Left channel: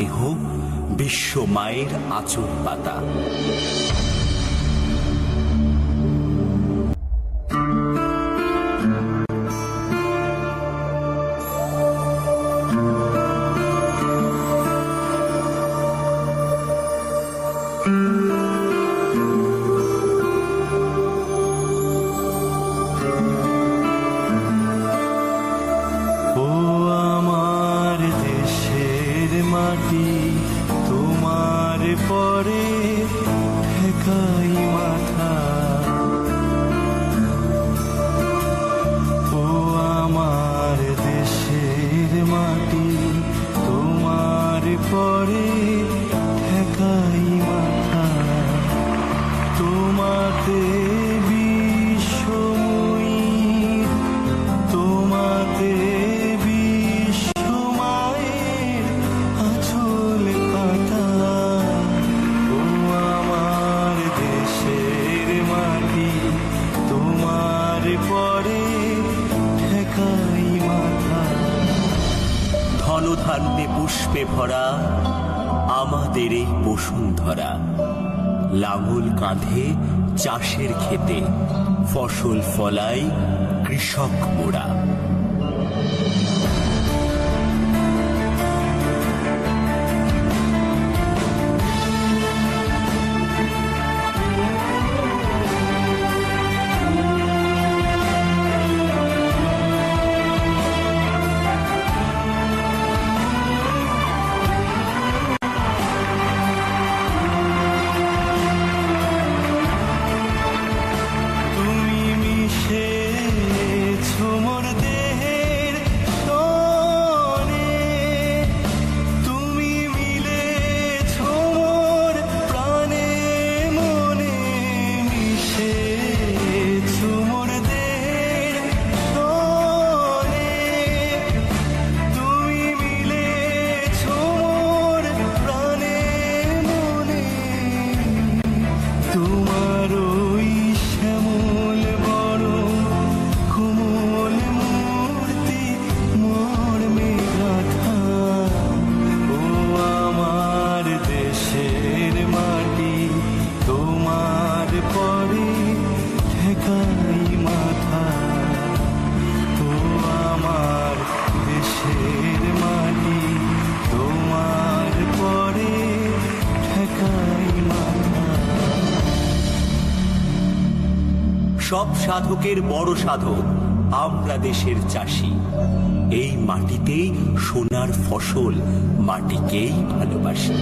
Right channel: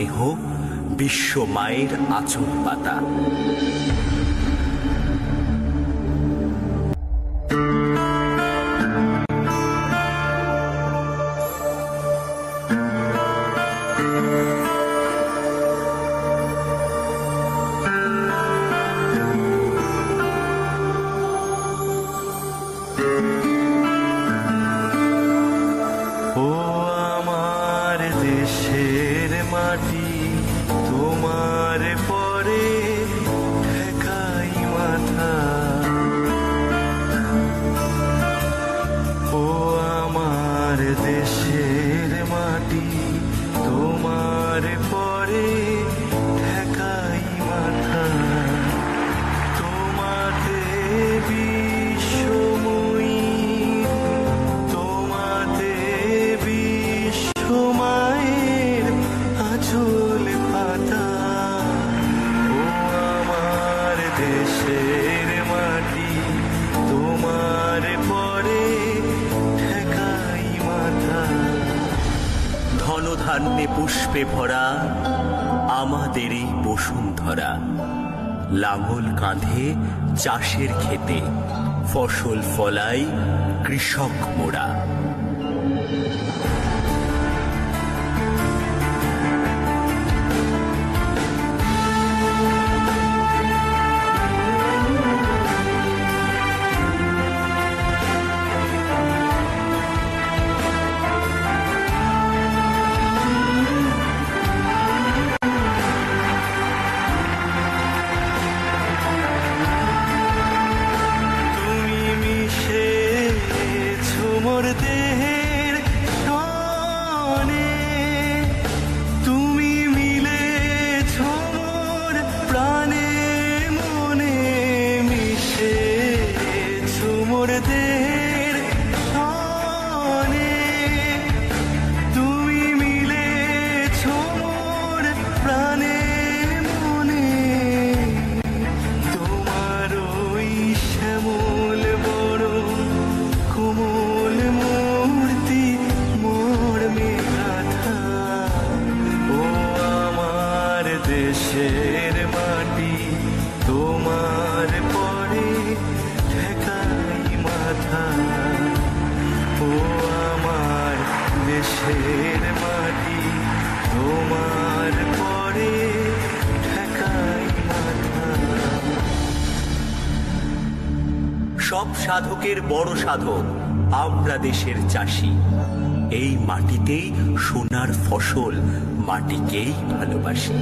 দেহ বিশ্ব মায়ের আঁচল পাতা। ও আমার দেশের মাটি, তোমার পরে ঠেকাই মাথা। ও আমার দেশের মাটি, তোমার পরে ঠেকাই মাথা। তোমাতে বিশ্বময়ী, তোমাতে বিশ্ব মায়ের আঁচল পাতা। ও আমার দেশের মাটি, তোমার পরে ঠেকাই মাথা। ধনধান্যে পুষ্পে ভরা আমাদের এই বসুন্ধরা। লাঙল কাঁধে চাষের খেতে, ফসল ফলাই কৃষক মোরা। মোর দেহের সনে, তুমি মিলেছ মোর প্রাণে মনে। মিশেছ মোর দেহের সনে, তুমি মিলেছ মোর প্রাণে মনে। তোমার ওই শ্যামল বরণ কোমল মূর্তি মর্মে গাথা। ও আমার দেশের মাটি, তোমার পরে ঠেকাই মাথা। ও আমার দেশের মাটি, তোমার পরে ঠেকাই মাথা। সব সাধকের বড় সাধক আমরা দেশের চাষি। এই মাটিতেই সোনার ফসল, মাটিকেই ভালোবাসি।